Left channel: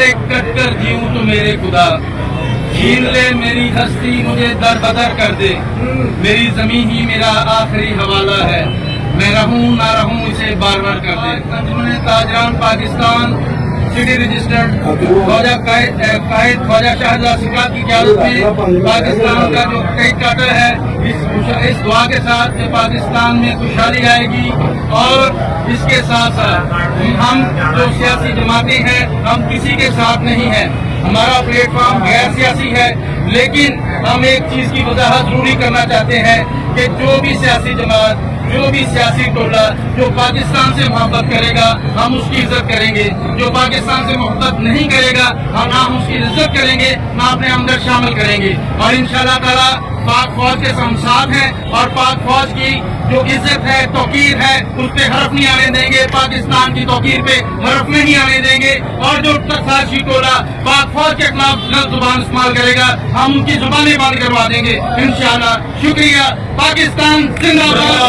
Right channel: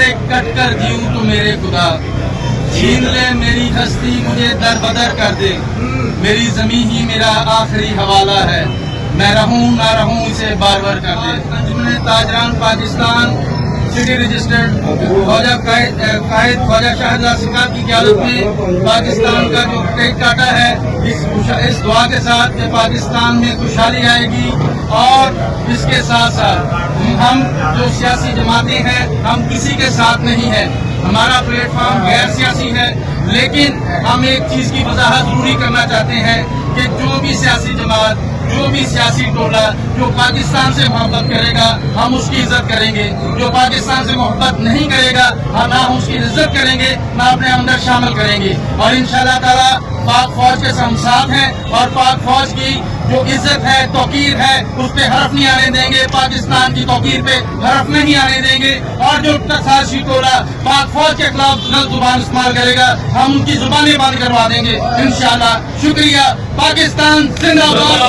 से कट कर जीऊं तो मेरे खुदा, छीन ले मेरी हस्ती मुझे दर बदर कर दे, मेरी जमीन ही मेरा आखिरी हवाला है, मैं रहूं ना रहूं इसे बार बार कर दे। अंजुमन ताजरान पाकिस्तान सिटी रजिस्टर्ड ख्वाजा कायद ख्वाजा शाहजहां सिकात की क़यादत में पाकिस्तान का जो कई काटा है, इस दुआ के साथ कि पाकिस्तान में खुशहाली आएगी। और इसके साथ साथ हम जो सियासी जमातें हैं, हम किसी के साथ नहीं है, हमारा प्लेटफॉर्म गैर सियासी है, लेकिन हम एक चीज की वजाहत जरूरी करना चाहते हैं कि जो भी सियासी जमात, जो भी सियासी टोला जो पाकिस्तान से मोहब्बत करेगा हम उसकी इज्जत करेंगे, जो पाकिस्तान से मोहब्बत नहीं करेगा ना हम उसकी इज्जत करेंगे, ना अपने अंदर शामिल करेंगे। और इंशाअल्लाह ताला पाक फौज के हम साथ हैं और पाक फौज की जो इज्जत है, तौकीर है, उस पे हरफ नहीं आने देंगे, पाकिस्तान की तौकीर पे हरफ नहीं आने देंगे। और जो साजिशी टोला पाक फौज के खिलाफ गलत जुबान इस्तेमाल करेगा हम उनकी जुबानें बंद करवा देंगे इंशाअल्लाह। शुक्रिया। पाकिस्तान जिंदाबाद।